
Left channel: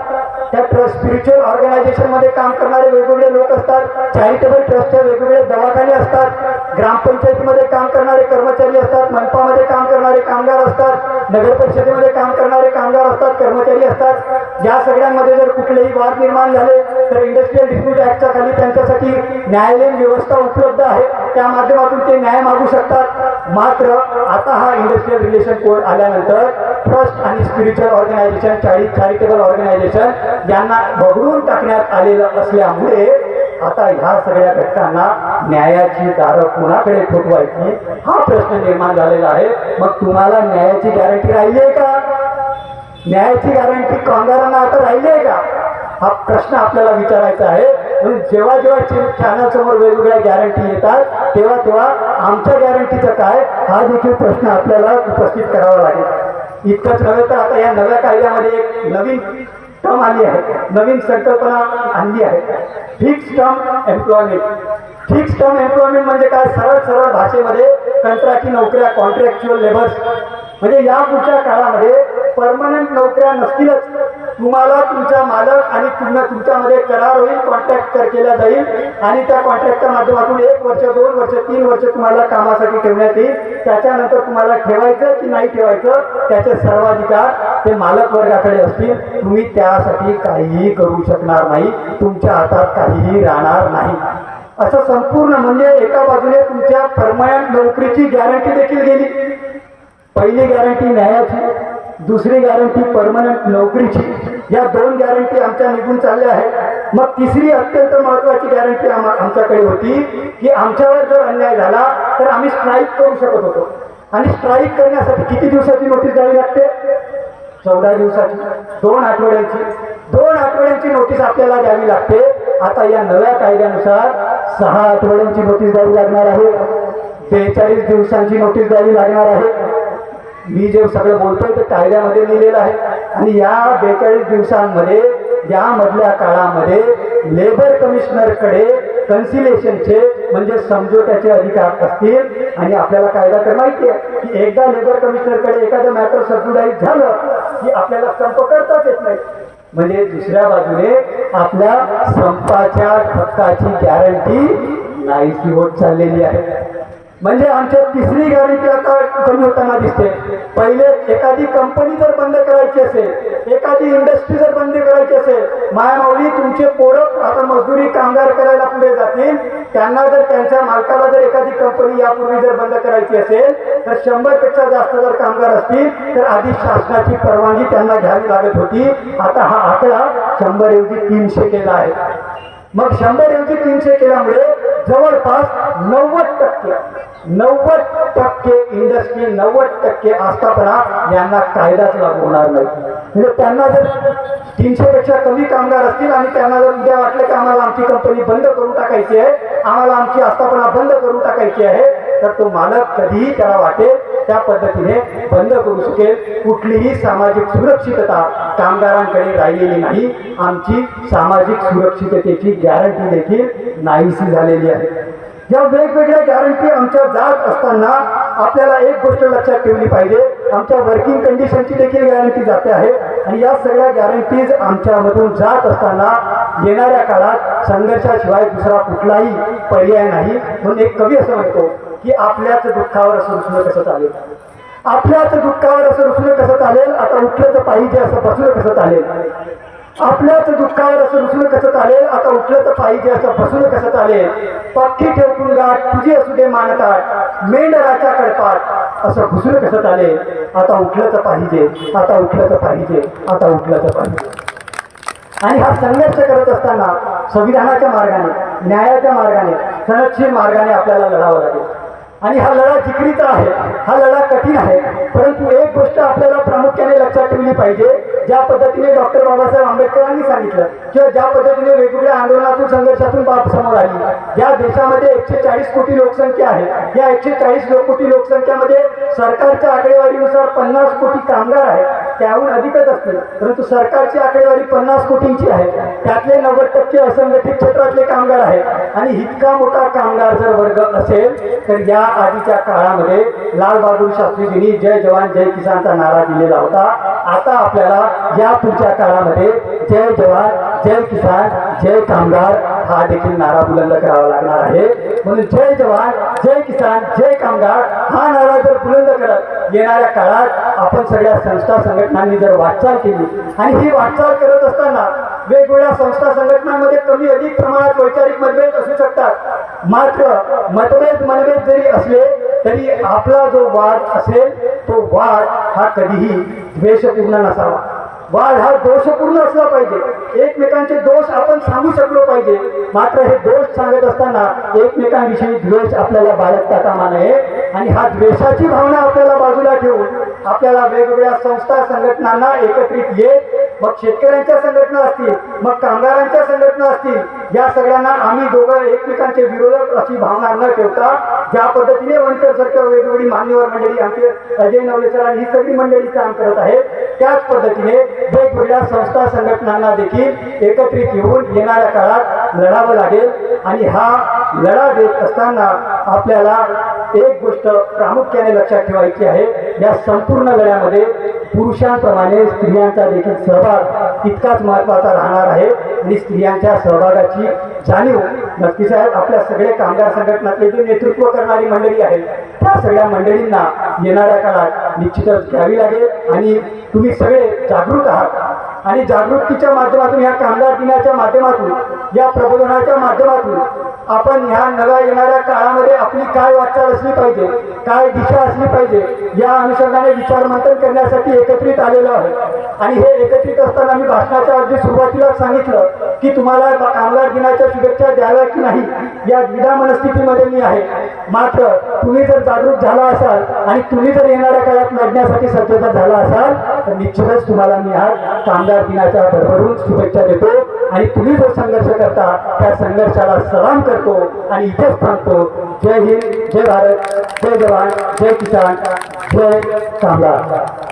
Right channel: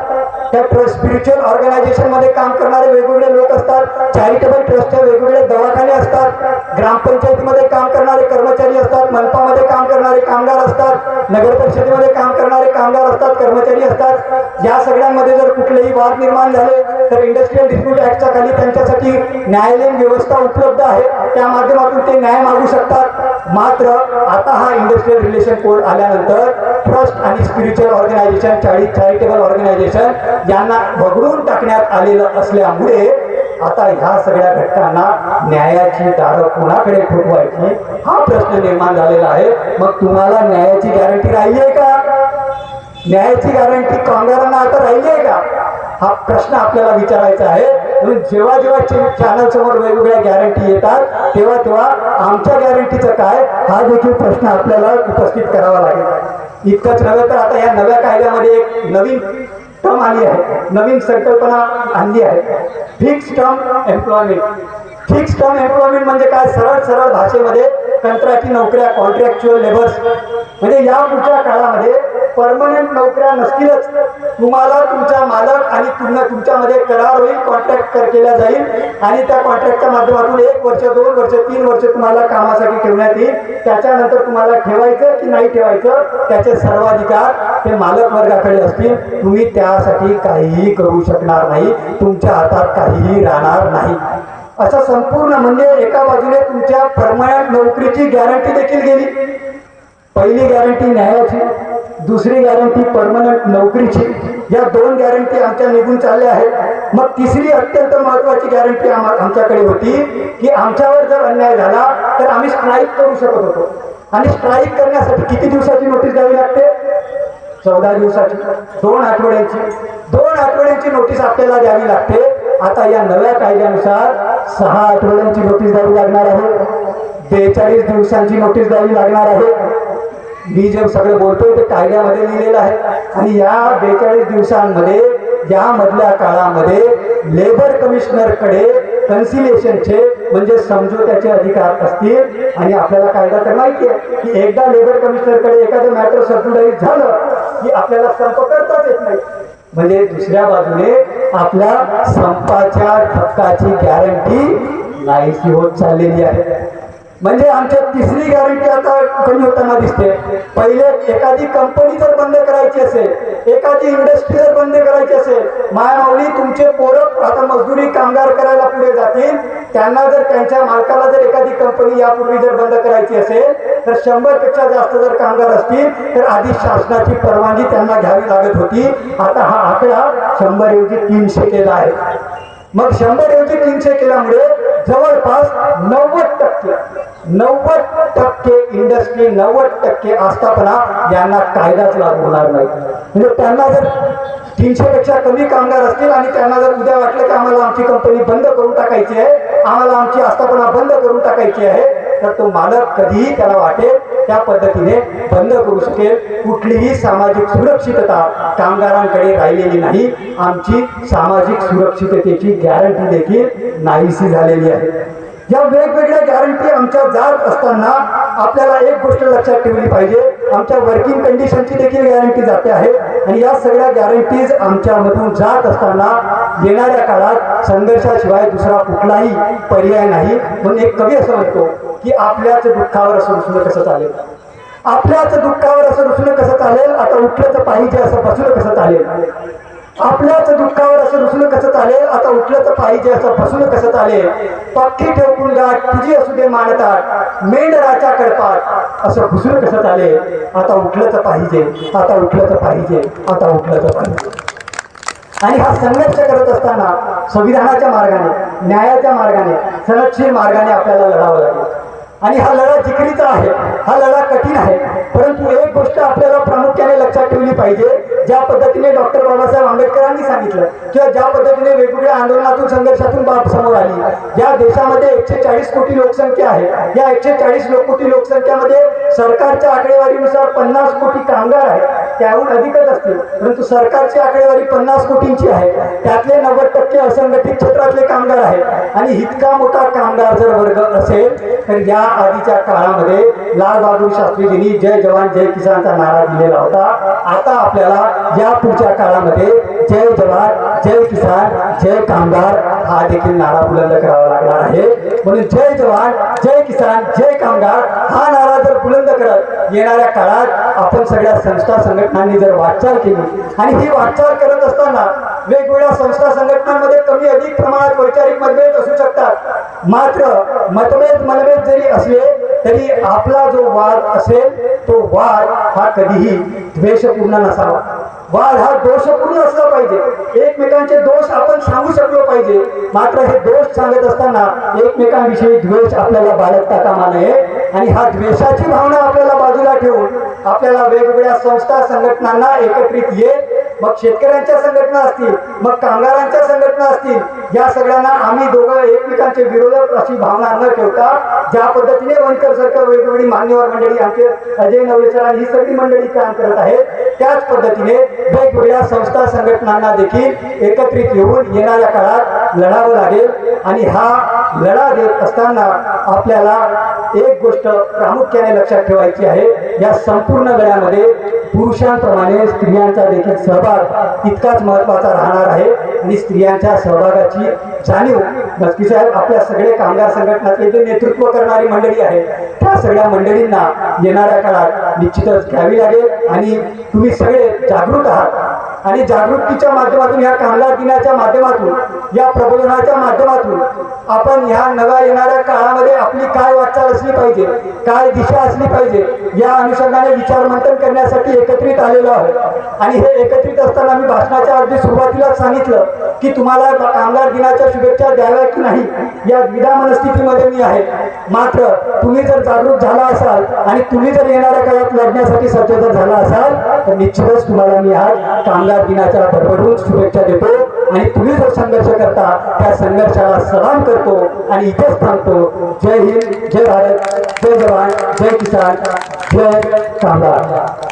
त्या ट्रस्ट स्पिरिच्युअल ऑर्गनायझेशन मध्ये काम करणारे वेगवेगळे लोक असतात, चॅरिटेबल ट्रस्टचे वेगवेगळे दवाखाने असतात, ग्रामपंचायतीमध्ये काम करणारे कर्मचारी असतात, मनपामध्ये काम करणारे कामगार असतात, नगर परिषदेमध्ये काम करणारे कामगार असतात, कर्मचारी असतात. या सगळ्यांमध्ये जर कुठलेही वाद निर्माण झाले तर इंडस्ट्रियल डिस्प्यूट ऍक्टच्या खाली त्यांच्यासाठी न्यायालयीन व्यवस्था उपलब्ध आहे, त्या माध्यमातून ते न्याय मागू शकतात. मात्र आता हा इंडस्ट्रियल रिलेशन कोड आल्यानंतर ट्रस्ट आणि स्पिरिच्युअल ऑर्गनायझेशन, चॅरिटेबल ऑर्गनायझेशन यांना वगळून टाकण्यात आलेलं असल्यामुळे आता ह्या सगळ्या घटकांना न्यायाची दारं कुणाकडे ठोकवायची हा प्रश्न निर्माण झालेला आहे. मग तुम्हाला न्यायाची गॅरंटी राहिली आहे का? न्यायाची गॅरंटी कामगारांना आता राहिली आहे का? हा प्रश्न आपल्याला विचारायचा आहे. म्हणून जेव्हा जेव्हा चॅनल समोर वेगवेगळ्या गॅरंटी येतात तेव्हा आमच्या गॅरंटीचं काय हा देखील प्रश्न आपल्याला उपस्थित करावा लागेल. इतकंच नव्हे तर आता या नव्या कायद्यामध्ये एक नवीन टर्म आली आहे, नवीन संकल्पना आणली आहे, fix term employment. Fix term employment म्हणजे काय? सरळ भाषेमध्ये कंत्राटी नोकऱ्या, कॉन्ट्रॅक्च्युअल लेबर्स. म्हणजे या पुढच्या काळामध्ये परमनंट नोकऱ्या नसतीलच, तुम्हाला तुमचा मालक आणि तुमच्यामध्ये करार होईल, कॉन्ट्रॅक्ट केला जाईल, आणि त्या कॉन्ट्रॅक्टच्या माध्यमातून 1 वर्ष, 2 वर्ष, 3 वर्ष तुम्हाला कामासाठी ठेवण्यात येईल. त्याच्यानंतर तुम्हाला ठेवायचं की नाही ठेवायचं त्याचे सर्वाधिकार ते मालक वर्गाकडे असतील. तुम्ही त्यासाठी काहीही करू शकणार नाही, तुमच्या हातात काहीही राहणार नाही. असं संपूर्ण म्हणजे एका बाजूने तुमच्या परमनंट नोकरीची गॅरंटी देखील गेली. पहिली गॅरंटी न्यायाची, दुसरी गॅरंटी परमनंट नोकरीची. या 2 गॅरंटी आमच्या निघून चालल्या आहेत. मग तिसरी अत्यंत महत्वाची गॅरंटी आमच्याकडे होती की आमच्यावर जर अन्याय झाला तर आम्ही स्ट्राईक करू शकत होतो, आणि स्ट्राईक करण्यासाठी किती दिवसाची नोटीस द्यावी लागते? 14 दिवसाची, 2 आठवड्यांची. 2 आठवड्यांची नोटीस आपल्याला द्यावी लागते. आता या नव्या कायद्यानुसार 6 आठवड्यांची नोटीस द्यावी लागणार आहे, 42 दिवसांची नोटीस द्यावी लागणार आहे. मी जे सगळं बोलतोय ते कायद्यामध्ये लिहिलेलं आहे आणि या 42 दिवसांमध्ये यामधल्या काळामध्ये लेबर कमिशनरकडे कन्सिलेशनचे म्हणजे समझोत्याचे अधिकार असतील आणि आपल्याला कायदा तर माहिती आहे की एकदा लेबर कमिशनरकडे एखादं मॅटर सबजुडाईज झालं की आपल्याला संप करताच येत नाही. म्हणजे दुसऱ्या बाजूने आपल्या संपाच्या हक्काची गॅरंटी नाहीशी होत चाललेली आहे. म्हणजे आमच्या तिसरी गॅरंटी आता कमी होताना दिसते. पहिले एखादी कंपनी जर बंद करायची असेल, एखादी इंडस्ट्री जर बंद करायची असेल, मायामाऊली तुमचे पोरं आता मजदुरी कामगार करायला पुढे जातील, त्यांना जर त्यांच्या मालकाला जर एखादी कंपनी यापूर्वी जर बंद करायची असेल तर 100 पेक्षा जास्त जर कामगार असतील तर आधी शासनाची परवानगी त्यांना घ्यावी लागत होती. आता हा आकडा 100 ऐवजी 300 केला आहे. मग 100 ऐवजी 300 केल्यामुळे जवळपास 90% इंडस्ट्री 90% आस्थापना यांना कायदाच लागू होणार नाही. म्हणजे त्यांना जर 300 पेक्षा कमी कामगार असतील आणि त्यांना जर उद्या वाटलं की आम्हाला आमची कंपनी बंद करून टाकायची आहे, आम्हाला आमची आस्थापना बंद करून टाकायची आहे, तर तो मालक कधीही त्याला वाटेल त्या पद्धतीने बंद करू शकेल. कुठलीही सामाजिक सुरक्षितता कामगारांकडे राहिलेली नाही. आमची सामाजिक सुरक्षिततेची गॅरंटी देखील नाहीशी झालेली आहे. या वेगवेगळ्या गॅरंटी आमच्या जात असताना आपल्याला एक गोष्ट लक्षात ठेवली पाहिजे, आमच्या वर्किंग कंडिशनची देखील गॅरंटी जाते आहे आणि या सगळ्या गॅरंटीज आमच्यामधून जात असताना येणाऱ्या काळात संघर्षाशिवाय दुसरा कुठलाही पर्याय नाही. म्हणून एक कवी असं म्हणतो की आपल्याच दुःखावर असं रुसणं कसं चालेल, आपल्याच दुःखावर असं रुसणं कसं चालेल, आता उठलं तर पाहिजे असं बसलं कसं चालेल, आपल्याच दुःखावर असं रुसणं कसं चालेल, आता उठलं तर पाहिजे असं बसणं कसं चालेल, पक्की ठेवून गाठ तुझी असू दे मानतात, मेंढराच्या कडपात असं घुसणं कसं चालेल, आता उठलं तर पाहिजे, आता उठलं तर पाहिजे, आता उठलं तर पाहिजे. आणि हा संघर्ष करत असताना संविधानाच्या मार्गाने, न्यायाच्या मार्गाने, सनदशीर मार्गाने आपल्याला लढावं लागेल. आणि हा लढा जिकरीचा आहे, हा लढा कठीण आहे. परंतु एक गोष्ट आपल्याला प्रामुख्याने लक्षात ठेवली पाहिजे, ज्या पद्धतीने डॉक्टर बाबासाहेब आंबेडकरांनी सांगितलं किंवा ज्या पद्धतीने वेगवेगळ्या आंदोलनातून संघर्षातून बाब समोर आली, या देशामध्ये 140 कोटी लोकसंख्या आहे. या 140 कोटी लोकसंख्येमध्ये सरकारच्या आकडेवारीनुसार 50 कोटी कामगार आहेत, त्याहून अधिकच असतील. परंतु सरकारची आकडेवारी 50 कोटींची आहे. त्यातले 90% असंघटित क्षेत्रातले कामगार आहेत. आणि इतका मोठा कामगार जर वर्ग असेल तर या आधीच्या काळामध्ये लाल बहादूर शास्त्रीजींनी जय जवान जय किसानचा नारा दिलेला होता. आता आपल्याला या पुढच्या काळामध्ये जय जवान जय किसान जय कामगार हा देखील नारा बुलंद करावा लागणार आहे. म्हणून जय जवान जय किसान जय कामगार हा नारा जर बुलंद करत येणाऱ्या काळात आपण सगळ्या संस्था संघटनांनी जर वाटचाल केली आणि ही वाटचाल करत असताना वेगवेगळ्या संस्था संघटनांमध्ये कमी अधिक प्रमाणात वैचारिक मतभेद असू शकतात. मात्र मनभेद जरी असले तरी आपला जो वाद असेल तो वाद हा कधीही द्वेषपूर्ण नसावा. वाद हा दोषपूर्ण असला पाहिजे. एकमेकांचे दोष आपण सांगू शकलो पाहिजे. मात्र हे दोष सांगत असताना एकमेकांविषयी द्वेष आपल्याला बाळगता कामा नये. आणि हा द्वेषाची भावना आपल्याला बाजूला ठेवून आपल्याला वेगवेगळ्या संस्था संघटनांना एकत्रित येत, मग शेतकऱ्यांच्या संघटना असतील, मग कामगारांच्या संघटना असतील, या सगळ्यांना आम्ही दोघं एकमेकांचे विरोधक अशी भावना न ठेवता ज्या पद्धतीने वनकर सरकार वेगवेगळी मान्यवर मंडळी आमचे अजय नवलेसर ही सगळी मंडळी काम करत आहेत, त्याच पद्धतीने वेगवेगळ्या संस्था संघटनांना देखील एकत्रित येऊन येणाऱ्या काळात लढावं लागेल. आणि हा लढा देत असताना आपल्याला एक गोष्ट प्रामुख्याने लक्षात ठेवायची आहे, या संपूर्ण लढ्यामध्ये पुरुषांप्रमाणे स्त्रियांचा देखील सहभाग तितकाच महत्वाचा राहणार आहे. आणि स्त्रियांच्या सहभागाची जाणीव नक्कीच आहे. आपल्या सगळे कामगार संघटनातले जे नेतृत्व करणारी मंडळी आहे त्या सगळ्या मंडळींना येणाऱ्या काळात निश्चितच घ्यावी लागेल. आणि तुम्ही सगळे जागृत आहात आणि जागृतीच्या माध्यमातून, या कामगार दिनाच्या माध्यमातून, या प्रबोधनाच्या माध्यमातून आपण ह्या नव्या येणाऱ्या काळामध्ये आपली काय वाटचाल असली पाहिजे, काय दिशा असली पाहिजे, या अनुषंगाने विचार मंथन करण्यासाठी एकत्रित आलेलो आहोत. आणि हे एकत्रित असताना मी भाषणाच्या अगदी सुरुवातीलाच सांगितलं की तुम्हाला कामगार दिनाच्या शुभेच्छा द्याव्या की नाही या द्विधा मनस्थितीमध्ये मी आहे. मात्र तुम्ही जर जागृत झाला असाल आणि तुम्ही जर येणाऱ्या काळात लढण्यासाठी सज्ज जर झाला असाल तर निश्चितच तुम्हाला मी आज कामगार दिनाच्या भरभरून शुभेच्छा देतो. आणि तुम्ही जो संघर्ष करता त्या संघर्ष संघर्षाला सलाम करतो आणि इथेच थांबतो. जय हिंद, जय भारत, जय जवान, जय किसान, जय कामगार.